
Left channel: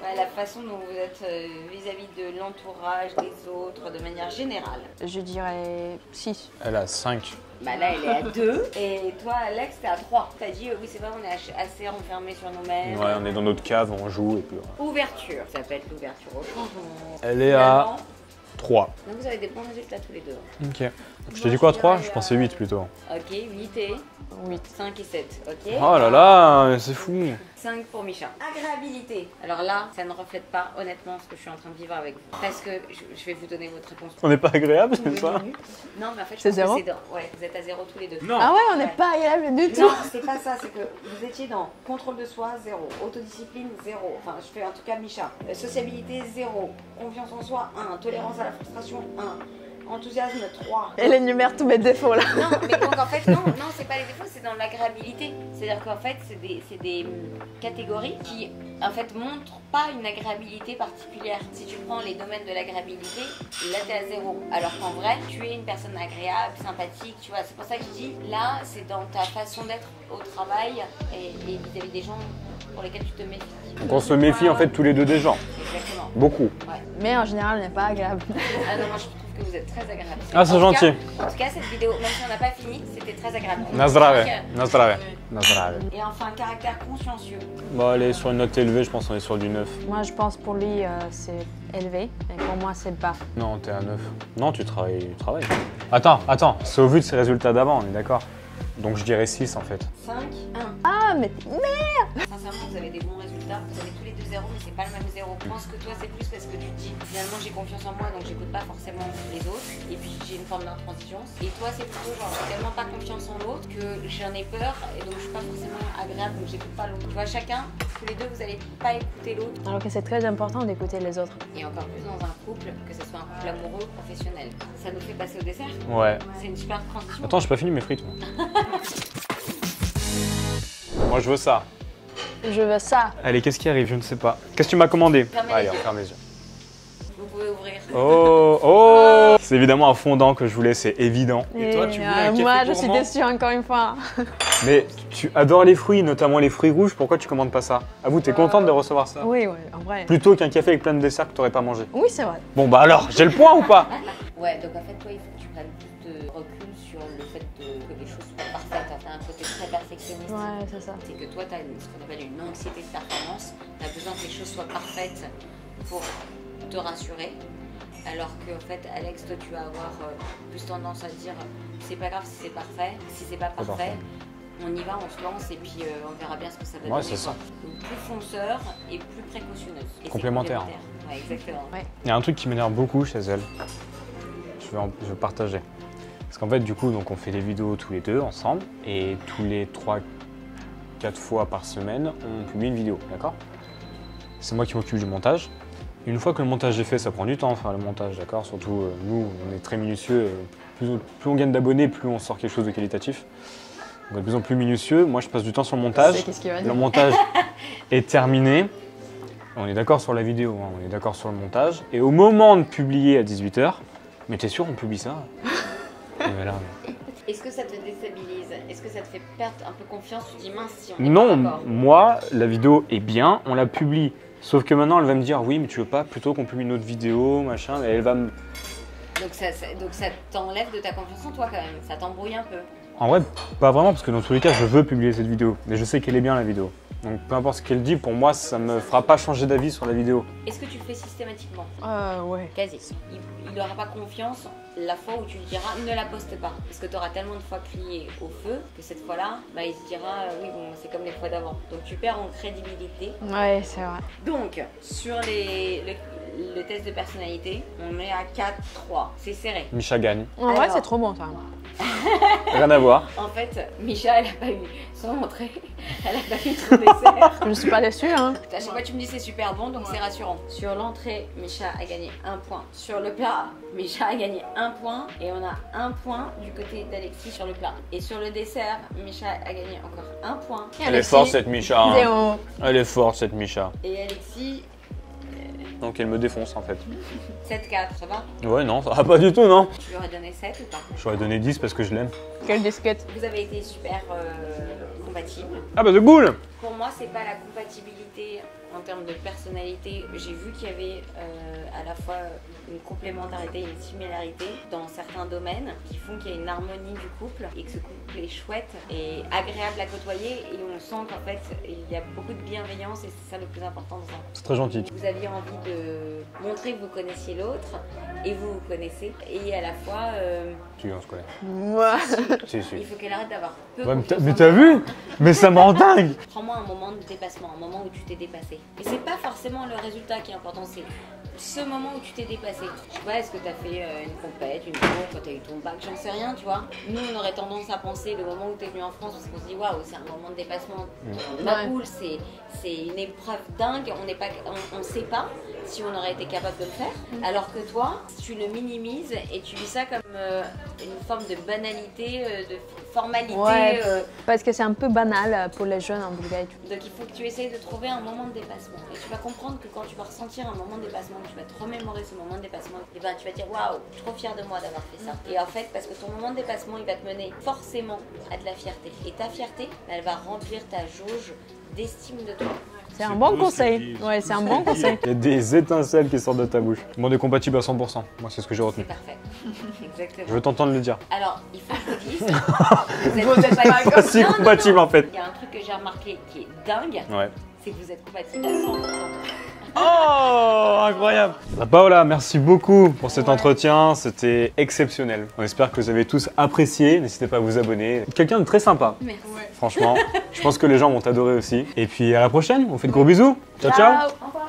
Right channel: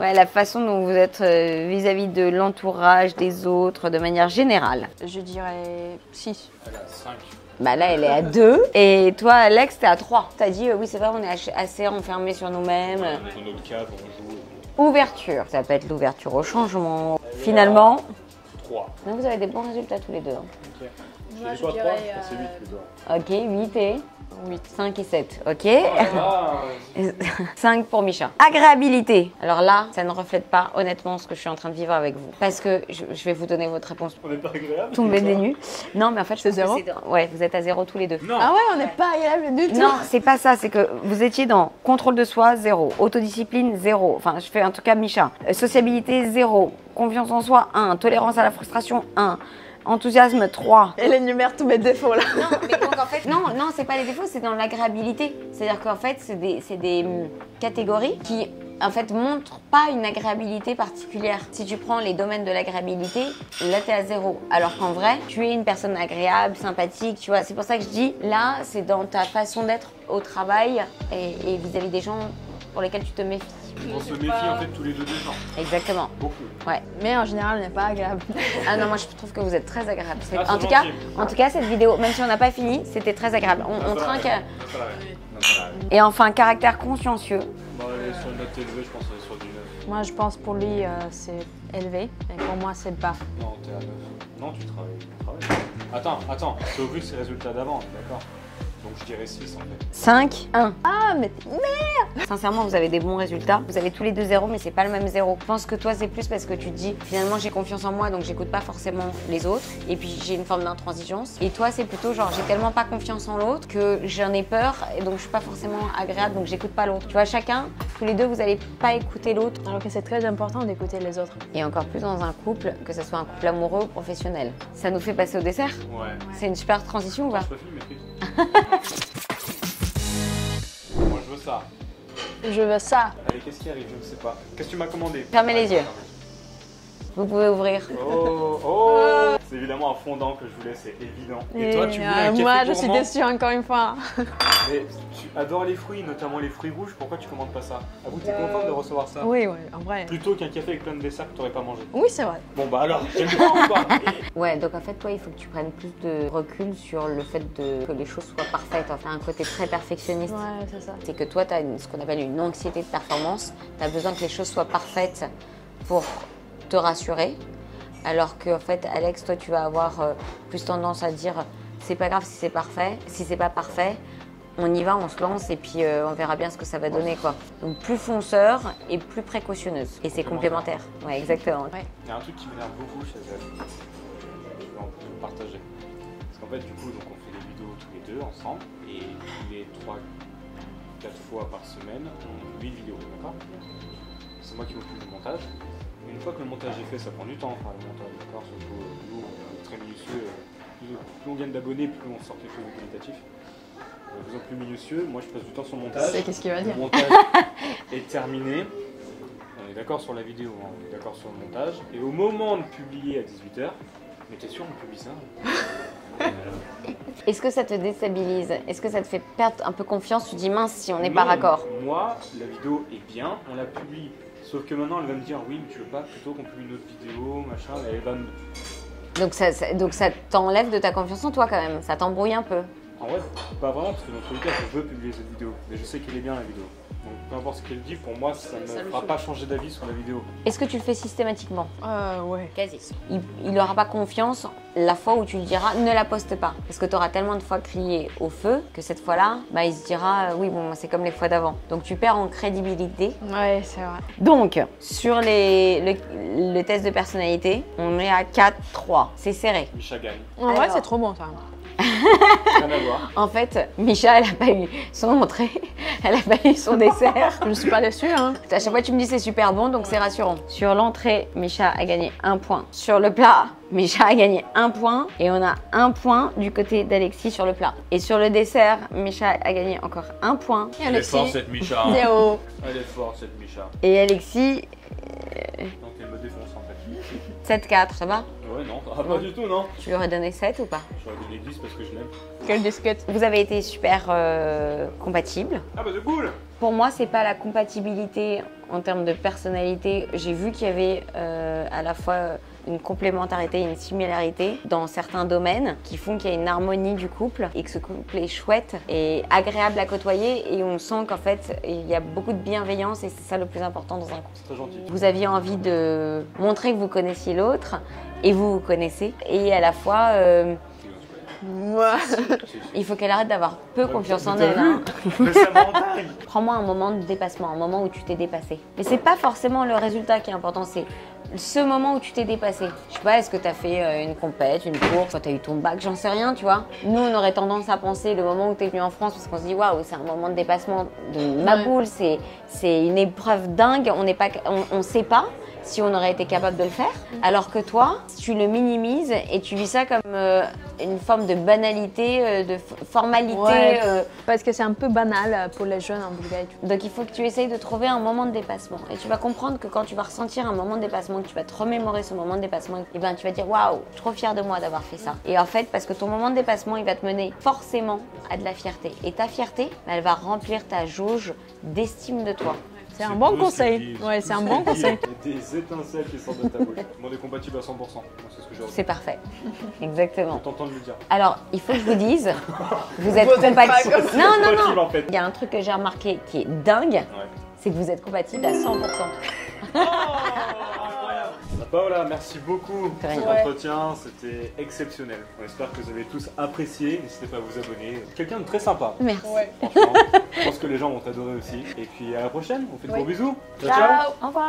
Ouais, la façon dont vous êtes vis-à-vis de l'entourage, des autres, de manière générale. Je dirais 6. Elle a 5. Bah là, elle est à 2. Et toi, Alex, t'es à 3. T'as dit, oui, c'est vrai, on est assez enfermés sur nous-mêmes. Ouais, on est dans notre cave, on joue et puis... Ouverture. Ça peut être l'ouverture au changement. Elle est Finalement, 3. donc vous avez des bons résultats tous les deux. Ok. Je t'ai dit quoi, 3? Je pensais 8 plutôt. Ok, 8 et 8, 5 et 7. Ok. Oh là là, c'est fou. 5 pour Micha. Agréabilité. Alors là, ça ne reflète pas honnêtement ce que je suis en train de vivre avec vous. Parce que je vais vous donner votre réponse. On n'est pas agréable? Tombez ça des nues. Non, mais en fait, je C'est pense que 0? c'est ouais, vous êtes à 0 tous les deux. Non. Ah ouais, on n'est pas agréable du tout. Non, c'est pas ça, c'est que vous étiez dans contrôle de soi, 0. Autodiscipline, 0. Enfin, je fais en tout cas Micha. Sociabilité, 0. Confiance en soi, 1. Tolérance à la frustration, 1. Enthousiasme, 3. Elle énumère tous mes défauts là. Non, mais donc en fait, non, c'est pas les défauts, c'est dans l'agréabilité. C'est-à-dire qu'en fait, c'est des catégories qui, en fait, montrent pas une agréabilité particulière. Si tu prends les domaines de l'agréabilité, là, t'es à 0. Alors qu'en vrai, tu es une personne agréable, sympathique, tu vois. C'est pour ça que je dis, là, c'est dans ta façon d'être au travail et vis-à-vis des gens pour lesquels tu te méfies. Donc on se méfie en fait tous les deux des gens. Exactement. Beaucoup. Ouais. Mais en général, on n'est pas agréable. Ah non, moi je trouve que vous êtes très agréable. Ah, c'est gentil. En tout cas, cette vidéo, même si on n'a pas fini, c'était très agréable. Nazdrave. Nazdrave. Nazdrave. Et enfin, caractère consciencieux. Bon, elle est sur une note élevée, je pense qu'on est sur du 9. Moi, je pense pour lui, c'est élevé. Et pour moi, c'est bas. Non, t'es à 9. Non, tu travailles. Attends, c'est au vu de ses résultats d'avant, on est d'accord? Donc je dirais 6 en fait. 5, 1. Ah, mais Sincèrement, vous avez des bons résultats. Vous avez tous les deux 0, mais c'est pas le même 0. Je pense que toi, c'est plus parce que tu te dis, finalement, j'ai confiance en moi, donc j'écoute pas forcément les autres. Et puis, j'ai une forme d'intransigeance. Et toi, c'est plutôt genre, j'ai tellement pas confiance en l'autre que j'en ai peur et donc je suis pas forcément agréable, donc j'écoute pas l'autre. Tu vois, chacun, tous les deux, vous allez pas écouter l'autre. alors que c'est très important d'écouter les autres. Et encore plus dans un couple, que ce soit un couple amoureux ou professionnel. Ça nous fait passer au dessert. Ouais. C'est une super transition. Attends, j'ai pas fini mes frites. Moi je veux ça. Je veux ça. Allez, qu'est-ce qui arrive? Je ne sais pas. Qu'est-ce que tu m'as commandé? Fermez les yeux. Ferme les yeux. Vous pouvez ouvrir. Oh. C'est évidemment un fondant que je voulais, c'est évident. Et toi, tu voulais un café moi, je suis gourmand? déçue encore une fois. Mais tu adores les fruits, notamment les fruits rouges, pourquoi tu commandes pas ça? Avoue, t'es contente de recevoir ça? Oui, en vrai. Plutôt qu'un café avec plein de desserts que t'aurais pas mangé. Oui, c'est vrai. Bon bah alors, j'ai le point ou pas? Ouais, donc en fait, toi, il faut que tu prennes plus de recul sur le fait que les choses soient parfaites. Enfin, un côté très perfectionniste. Ouais, c'est ça. C'est que toi, tu as ce qu'on appelle une anxiété de performance. Tu as besoin que les choses soient parfaites pour te rassurer. Alors que, en fait, Alex, toi, tu vas avoir plus tendance à dire c'est pas grave si c'est parfait. Si c'est pas parfait, on y va, on se lance et puis on verra bien ce que ça va donner. Quoi. Donc, plus fonceur et plus précautionneuse. Et c'est complémentaire. Ouais, exactement. Ouais. Il y a un truc qui m'énerve beaucoup chez elle. Je vais partager. Parce qu'en fait, du coup, donc, on fait des vidéos tous les deux ensemble et tous les 3-4 fois par semaine, on publie une vidéo, d'accord? C'est moi qui m'occupe du montage. Une fois que le montage est fait, ça prend du temps à faire le montage, d'accord? Surtout, nous, on est très minutieux. Plus on gagne d'abonnés, plus on sort quelque chose de qualitatif. On est de plus en plus minutieux. Moi, je passe du temps sur le montage. Qu'est-ce qu'il va dire? Le montage est terminé. On est d'accord sur la vidéo, hein, on est d'accord sur le montage. Et au moment de publier à 18 h, mais t'es sûr, on publie ça? Et voilà. Est-ce que ça te déstabilise? Est-ce que ça te fait perdre un peu confiance? Tu dis mince si on n'est Non, pas d'accord. moi, la vidéo est bien, on la publie. Sauf que maintenant, elle va me dire oui, mais tu veux pas plutôt qu'on publie une autre vidéo, machin, et elle va me. Donc ça t'enlève de ta confiance en toi quand même. Ça t'embrouille un peu. En vrai, pas vraiment, parce que dans tous les cas, je veux publier cette vidéo. Mais je sais qu'elle est bien, la vidéo. Donc peu importe ce qu'elle dit, pour moi, ça me fera pas changer d'avis sur la vidéo. Est-ce que tu le fais systématiquement? Ouais. Quasi. Il n'aura pas confiance la fois où tu lui diras ne la poste pas. Parce que tu auras tellement de fois crié au feu que cette fois-là, bah, il se dira oui, bon, c'est comme les fois d'avant. Donc tu perds en crédibilité. Ouais, c'est vrai. Donc, sur le test de personnalité, on est à 4-3. C'est serré. Misha gagne. En vrai, Alors. c'est trop bon ça. Rien à voir. En fait, Misha, elle n'a pas eu son entrée, elle n'a pas eu son dessert. Je ne suis pas déçue, hein. À chaque fois, tu me dis c'est super bon, donc c'est rassurant. Sur l'entrée, Misha a gagné 1 point. Sur le plat, Misha a gagné 1 point. Et on a 1 point du côté d'Alexis sur le plat. Et sur le dessert, Misha a gagné encore 1 point. Et Elle est forte cette Misha. Hein. Zéro. Elle est forte cette Misha. Et Alexis, Donc elle me défonce en fait. 7-4, ça va? Ouais, non, ça va pas du tout, non. Tu lui aurais donné 7 ou pas? J'aurais donné 10 parce que je l'aime. Quelle disquette. Vous avez été super compatibles. Ah bah c'est cool. Pour moi, c'est pas la compatibilité en termes de personnalité. J'ai vu qu'il y avait à la fois une complémentarité et une similarité dans certains domaines qui font qu'il y a une harmonie du couple et que ce couple est chouette et agréable à côtoyer et on sent qu'en fait il y a beaucoup de bienveillance et c'est ça le plus important dans un couple. C'est très gentil. Vous aviez envie de montrer que vous connaissiez l'autre et vous vous connaissez et à la fois Qui est en scolaire. Moi. Si, si. il faut qu'elle arrête d'avoir peu Ouais, confiance mais en t'as elle. vu? Mais ça me rend dingue. Prends-moi un moment de dépassement, un moment où tu t'es dépassé. Mais c'est pas forcément le résultat qui est important, c'est ce moment où tu t'es dépassé. Je sais pas, est-ce que tu as fait une compète, une course, quand tu as eu ton bac, j'en sais rien, tu vois. Nous, on aurait tendance à penser le moment où tu es venu en France, parce qu'on se dit waouh, c'est un moment de dépassement de ma poule, c'est une épreuve dingue, on sait pas si on aurait été capable de le faire. Alors que toi, tu le minimises et tu vis ça comme une forme de banalité, de formalité. Ouais, parce que c'est un peu banal pour les jeunes en Bulgarie. Donc il faut que tu essayes de trouver un moment de dépassement. Et tu vas comprendre que quand tu vas ressentir un moment de dépassement, que tu vas te remémorer ce moment de dépassement, et ben tu vas dire waouh, je suis trop fière de moi d'avoir fait ça. Et en fait, parce que ton moment de dépassement, il va te mener forcément à de la fierté. Et ta fierté, elle va remplir ta jauge d'estime de toi. C'est un bon conseil. Ouais, c'est un bon conseil. Il y a des étincelles qui sortent de ta bouche. Le monde est compatible à 100%. Moi, c'est ce que j'ai retenu. C'est parfait. Je Exactement. veux t'entendre le dire. Alors, il faut que je vous dise, vous êtes compatibles. Pas si compatible en fait. Il y a un truc que j'ai remarqué qui est dingue, Ouais. c'est que vous êtes compatibles à 100%. Oh, incroyable. Paola, merci beaucoup pour cet entretien, c'était exceptionnel. On espère que vous avez tous apprécié, n'hésitez pas à vous abonner. Quelqu'un de très sympa, Merci. franchement. Je pense que les gens vont t'adorer aussi. Et puis à la prochaine, on fait de gros bisous. Ciao, ciao. Ciao. Au revoir.